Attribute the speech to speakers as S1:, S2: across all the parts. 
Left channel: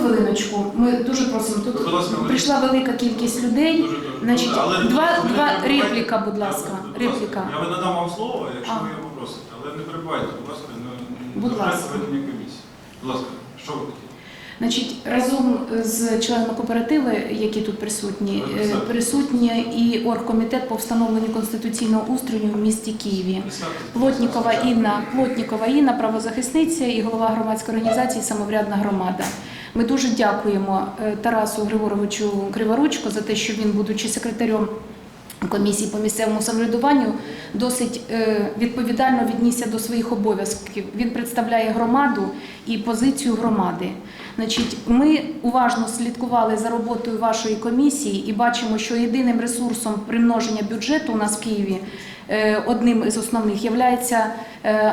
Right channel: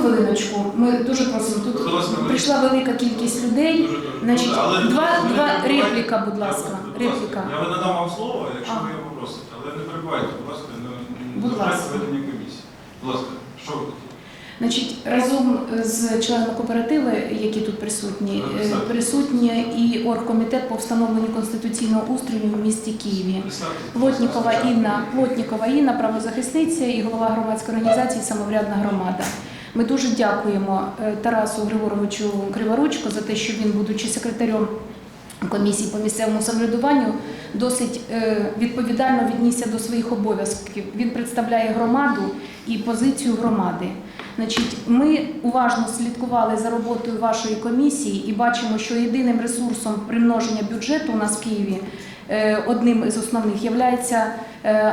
S1: хвилиночку. Ми дуже просимо. Тут
S2: Будь ласка,
S1: прийшла велика кількість людей.
S2: Дуже добре.
S1: Значить,
S2: але
S1: два-
S2: не
S1: два-
S2: перебивайте.
S1: репліка, будь ласка,
S2: Я-
S1: репліка.
S2: Я надам вам слово, якщо ви його попросите, але не перебивайте, будь ласка, не
S1: Будь ласка.
S2: ведення комісії. Будь ласка, що ви хотіли?
S1: Значить, разом з членами кооперативи, які тут присутні, е, присутні і оргкомітет по встановленню конституційного устрою в місті Києві.
S2: Будь
S1: Плотнікова Інна, Плотнікова Інна, правозахисниця і голова громадської організації Самоврядна громада. Ми дуже дякуємо е, Тарасу Григоровичу Криворучко за те, що він, будучи секретарем комісії по місцевому самоврядуванню, досить е, відповідально віднісся до своїх обов'язків. Він представляє громаду і позицію громади. Значить, ми уважно слідкували за роботою вашої комісії і бачимо, що єдиним ресурсом примноження бюджету у нас в Києві одним із основних є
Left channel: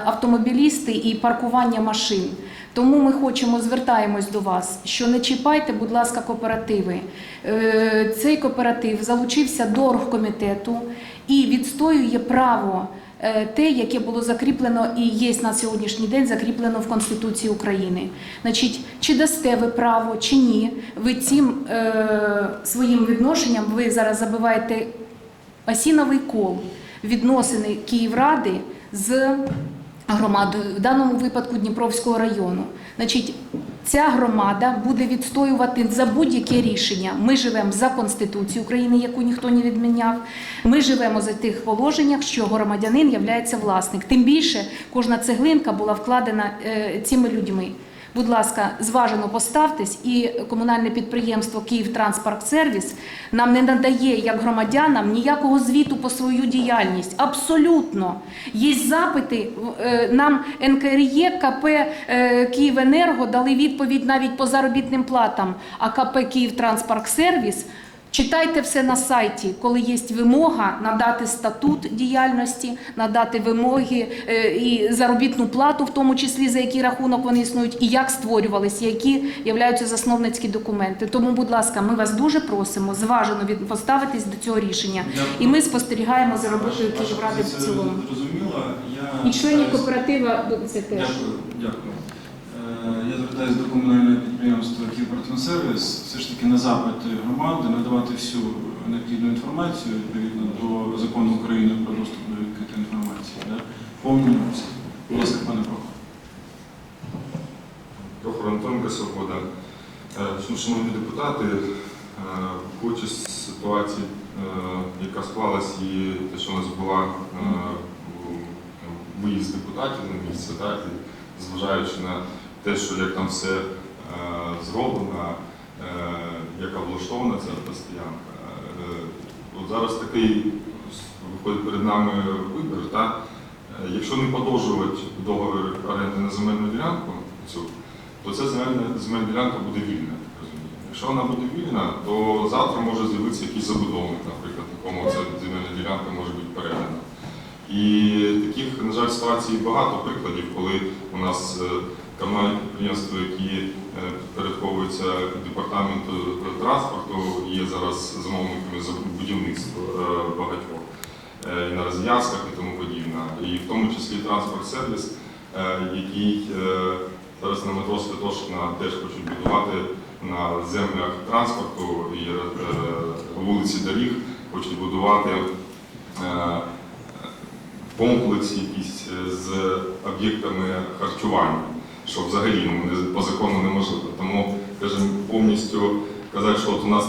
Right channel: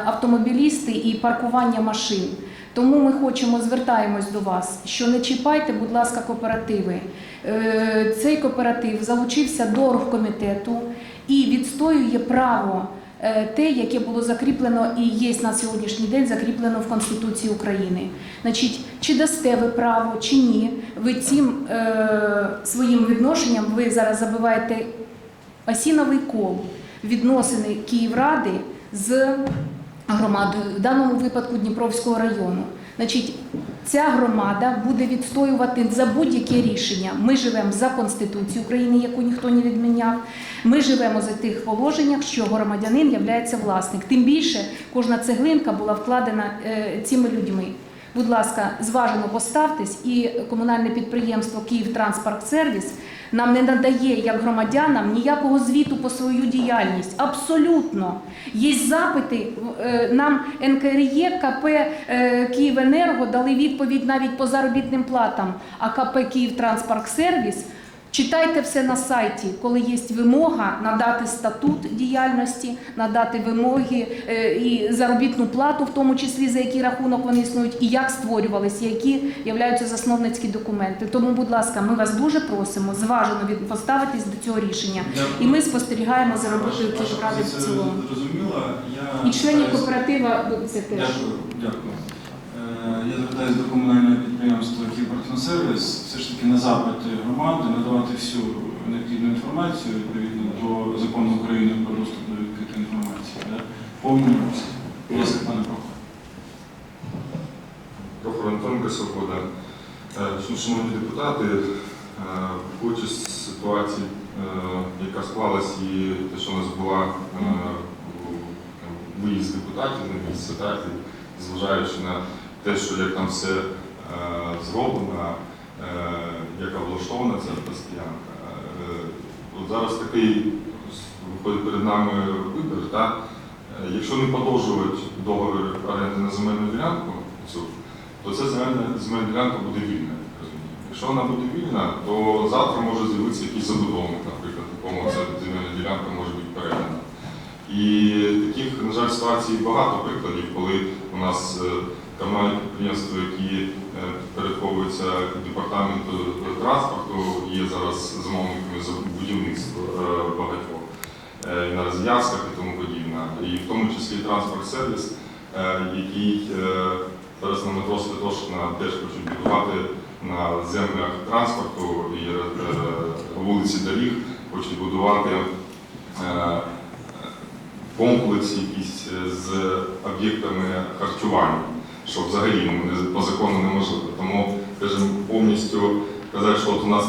S1: автомобілісти і паркування машин. Тому ми хочемо звертаємось до вас, що не чіпайте, будь ласка, кооперативи. Е, Цей кооператив залучився до оргкомітету і відстоює право е, те, яке було закріплено і є на сьогоднішній день закріплено в Конституції України. Значить, чи дасте ви право, чи ні, ви цим е, своїм відношенням ви зараз забиваєте осіновий кол відносини Київради з громадою, в даному випадку Дніпровського району. Значить, ця громада буде відстоювати за будь-яке рішення. Ми живемо за Конституцію України, яку ніхто не відміняв. Ми живемо за тих положеннях, що громадянин є власник. Тим більше кожна цеглинка була вкладена е, цими людьми. Будь ласка, зважено поставтесь, і комунальне підприємство «Київтранспортсервіс» нам не надає як громадянам ніякого звіту по свою діяльність. Абсолютно. Є запити. е, Нам НКРЄ, КП е, «Київенерго» дали відповідь навіть по заробітним платам, а КП «Київтранспортсервіс» Читайте все на сайті, коли є вимога надати статут діяльності, надати вимоги е, і заробітну плату, в тому числі за який рахунок вони існують, і як створювалися, які являються засновницькі документи. Тому, будь ласка, ми вас дуже просимо зважено поставитись до цього рішення. І ми спостерігаємо за роботою Київради в цілому. І членів кооператива це теж.
S2: Дякую, дякую. Е, Я звертаюся до комунального підприємства ж таки на запити громади надавати всю необхідну інформацію відповідно до закону України про доступ до відкритої інформації. Да? Повністю. Будь ласка, пане Прохор.
S3: Прохор Антонка Свобода. Е, Шановні депутати, е, виходячи з ситуації, е, яка склалась і те, що у нас була е, виїзд депутатів на місце, так, зважаючи на те, що як там все е, зроблено, е, яка влаштована ця постоянка. Е, От зараз такий виходить перед нами вибір. Так? Е, Якщо не подовжувати договір оренди на земельну ділянку, цю, то ця земельна, ділянка буде вільна. Якщо вона буде вільна, то завтра може з'явитися якийсь забудовник, наприклад, якому ця земельна ділянка може бути передана. І таких, на жаль, ситуацій багато прикладів, коли у нас е, комунальні підприємства, які е, підпорядковуються департаменту транспорту, є зараз замовниками за будівництво е, багатьох е, і на розв'язках і тому подібне. І в тому числі транспорт-сервіс, який зараз на метро Святошина теж хочуть будувати на землях транспорту і вулиці доріг, хочуть будувати комплекс якийсь з об'єктами харчування, що взагалі ну, по закону неможливо. Тому, скажімо, повністю казати, що от у нас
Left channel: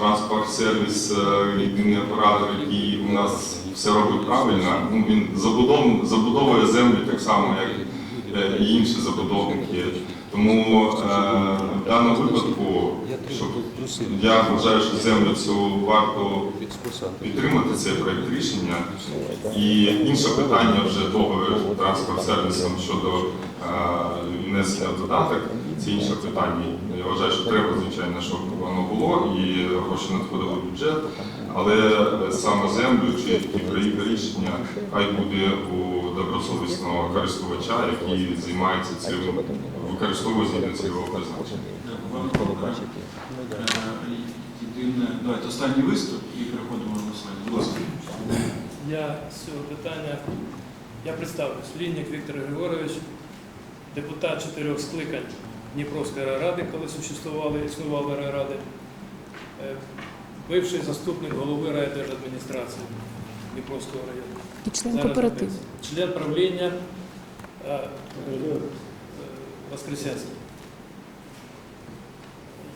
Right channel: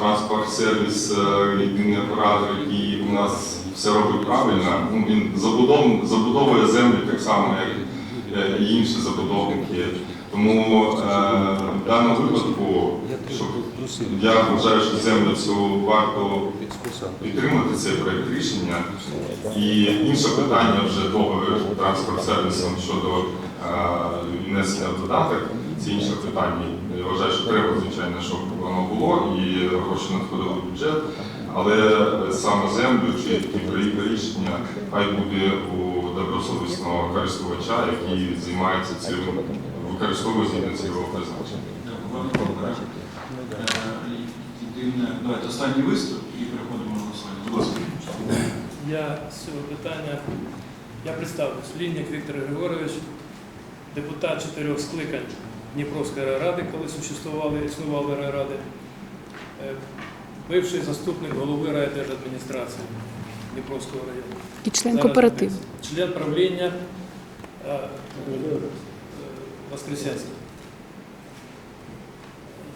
S3: транспорт-сервіс, е, єдиний оператор, який у нас все робить правильно, ну, він забудов, забудовує землю так само, як е, і інші забудовники. Тому е, в даному випадку, щоб я вважаю, що землю цю варто підтримати цей проект рішення. І інше питання вже договір транспорт сервісом щодо е, внесення в додаток. Це інше питання. Я вважаю, що треба, звичайно, щоб воно було і гроші надходили в бюджет. Але саме землю чи які рішення хай буде у добросовісного користувача, який займається цим, використовує згідно цього призначення.
S2: Давайте останній виступ і переходимо до голосування. Будь ласка.
S4: Я з цього питання, я представлюсь, Лінник Віктор Григорович, депутат чотирьох скликань Дніпровської райради, коли существували, існували райради, е, бивший заступник голови райдержадміністрації Дніпровського району.
S1: І член кооперативу.
S4: Член правління е, е,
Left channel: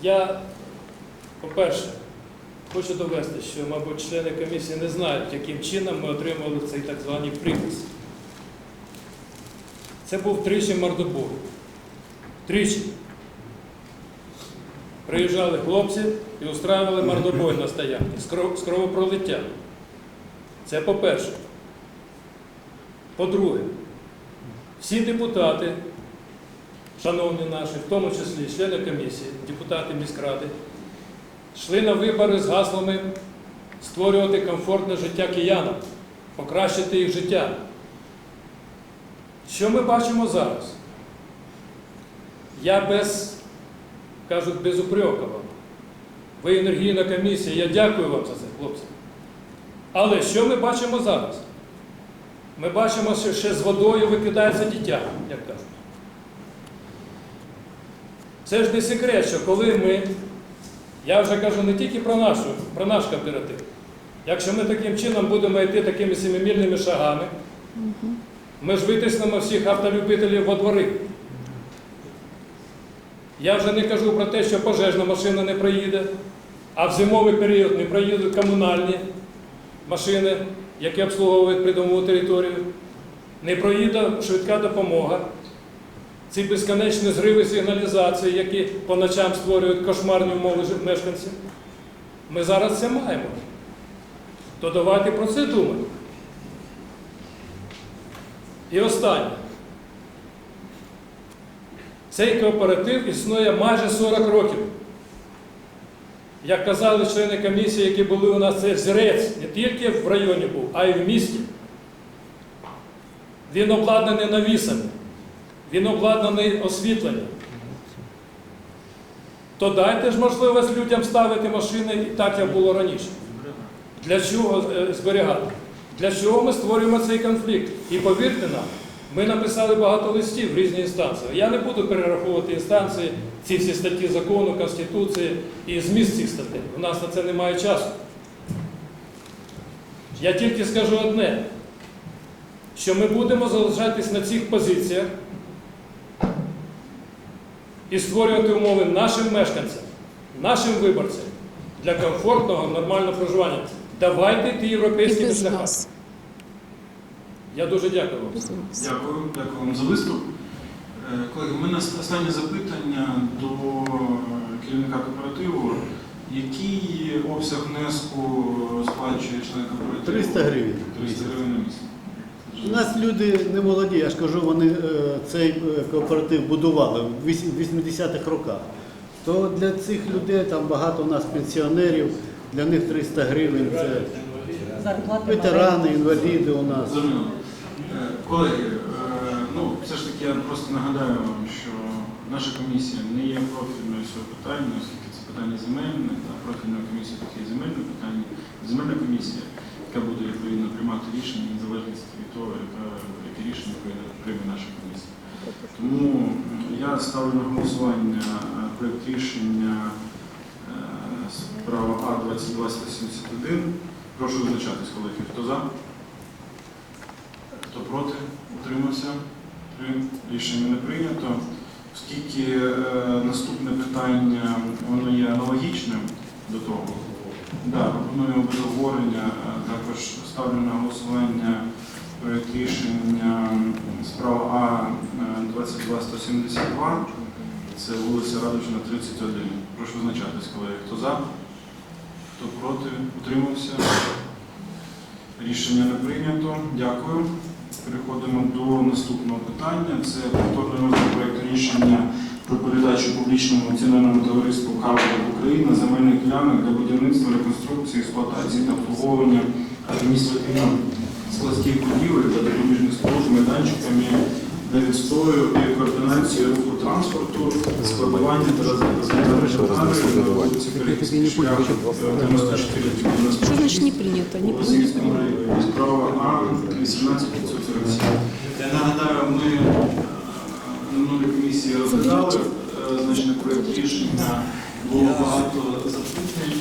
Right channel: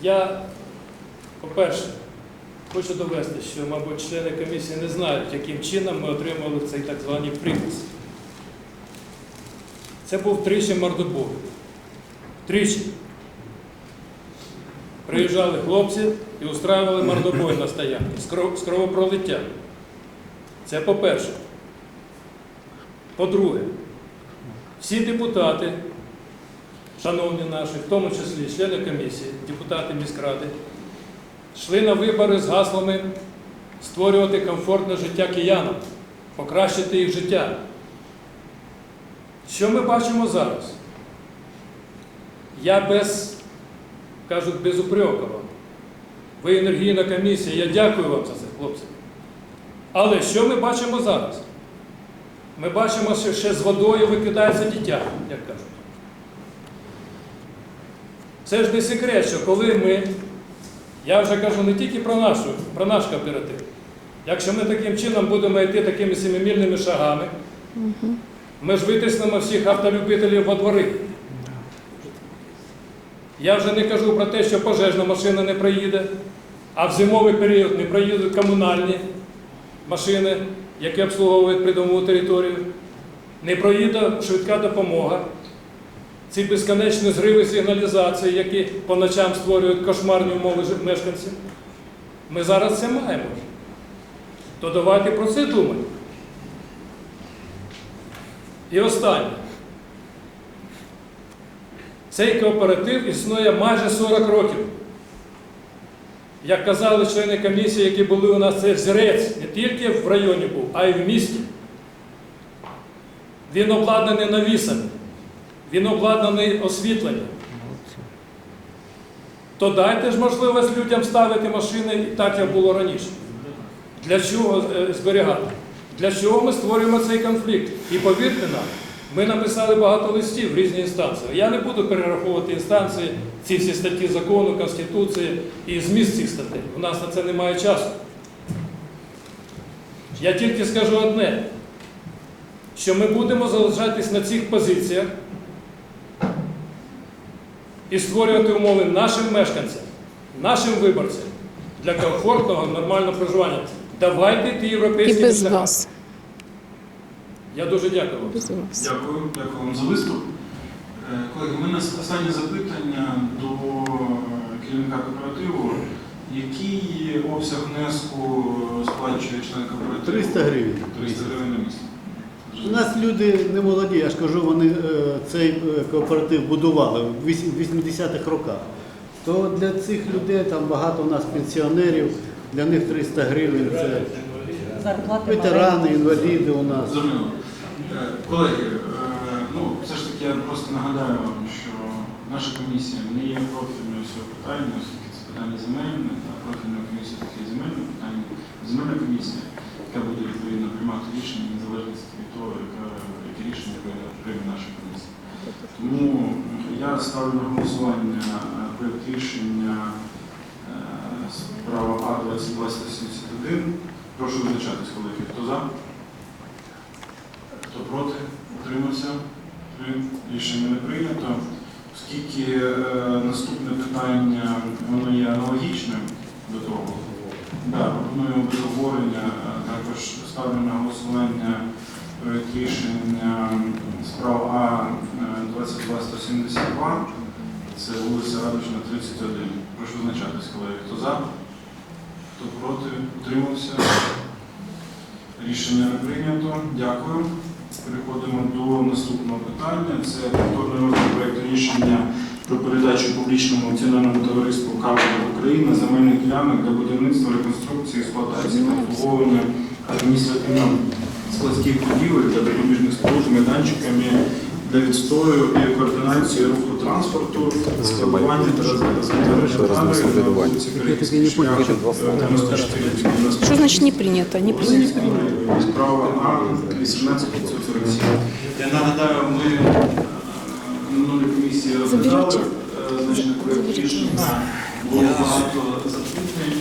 S4: Я, по-перше, хочу довести, що, мабуть, члени комісії не знають, яким чином ми отримали цей так званий припис. Це був тричі мордобой. Тричі. Приїжджали хлопці і устраювали мордобой на стоянці з кров- з кровопролиттям. Це по-перше. По-друге, всі депутати, шановні наші, в тому числі члени комісії, депутати міськради, йшли на вибори з гаслами створювати комфортне життя киянам, покращити їх життя. Що ми бачимо зараз? Я без, кажуть, без упрека вам. Ви енергійна комісія, я дякую вам за це, хлопці. Але що ми бачимо зараз? Ми бачимо, що ще з водою викидається дитя, як кажуть. Це ж не секрет, що коли ми, я вже кажу не тільки про, нашу, про наш кооператив, якщо ми таким чином будемо йти такими семимільними шагами, ми ж витиснемо всіх автолюбителів во двори. Я вже не кажу про те, що пожежна машина не проїде, а в зимовий період не проїдуть комунальні машини, які обслуговують придомову територію, не проїде швидка допомога. Ці безконечні зриви сигналізації, які по ночам створюють кошмарні умови мешканців. Ми зараз це маємо. То давайте про це думати. І останнє. Цей кооператив існує майже 40 років. Як казали члени комісії, які були у нас, це взірець не тільки в районі був, а й в місті. Він обладнаний навісами, він обладнаний освітленням. То дайте ж можливість людям ставити машини так, як було раніше. Для чого е, зберігати? Для чого ми створюємо цей конфлікт? І повірте нам, ми написали багато листів в різні інстанції. Я не буду перераховувати інстанції, ці всі статті закону, Конституції і зміст цих статей. У нас на це немає часу. Я тільки скажу одне, що ми будемо залишатись на цих позиціях і створювати умови нашим мешканцям, нашим виборцям для комфортного, нормального проживання. Давайте йти
S1: І
S4: європейськими
S1: без
S4: шляхами.
S1: вас.
S4: Я дуже дякую вам.
S2: Дякую, дякую вам за виступ. Е, Колеги, у мене останнє запитання до керівника кооперативу. Який обсяг внеску сплачує член кооперативу?
S5: 300 гривень.
S2: 300 гривень на місяць.
S5: У нас люди не молоді, я ж кажу, вони е, цей е, кооператив будували в вісім- 80-х роках. То для цих людей там багато у нас пенсіонерів, для них 300 гривень це ветерани, інваліди у нас.
S2: Зрозуміло. Е, Колеги, е, ну все ж таки я просто нагадаю вам, що наша комісія не є профільною цього питання, оскільки це питання земельне, та профільна комісія таке земельне питання. Земельна комісія, яка буде відповідно приймати рішення в незалежності від того, яка, яке рішення прийме- наша комісія. Тому я ставлю на голосування е, проєкт рішення справа А-2271. Прошу визначатись, колеги. Хто за? Хто проти? Утримався? Рішення не прийнято. Оскільки е, наступне питання воно є аналогічним до того, да, пропоную без обговорення, е, також ставлю на голосування проєкт рішення справа А-22-172. Це вулиця Радужна, 31. Прошу визначатись, колеги. Хто за? Хто проти? Утримався? Рішення не прийнято. Дякую. Переходимо до наступного питання. Це повторний розгляд проєкту рішення про передачу публічному акціонерному товариству «Кавер Україна земельних ділянок для будівництва, реконструкції, експлуатації та обслуговування адміністративно-складських будівель та допоміжних споруд майданчиками для відстою і координації руху транспорту, складування та розвитку
S1: Що значить не прийнято? Не прийнято.
S2: Справа А 18547. Я нагадаю, ми е, на минулій комісії розглядали е, проєкт рішення. Було багато запитань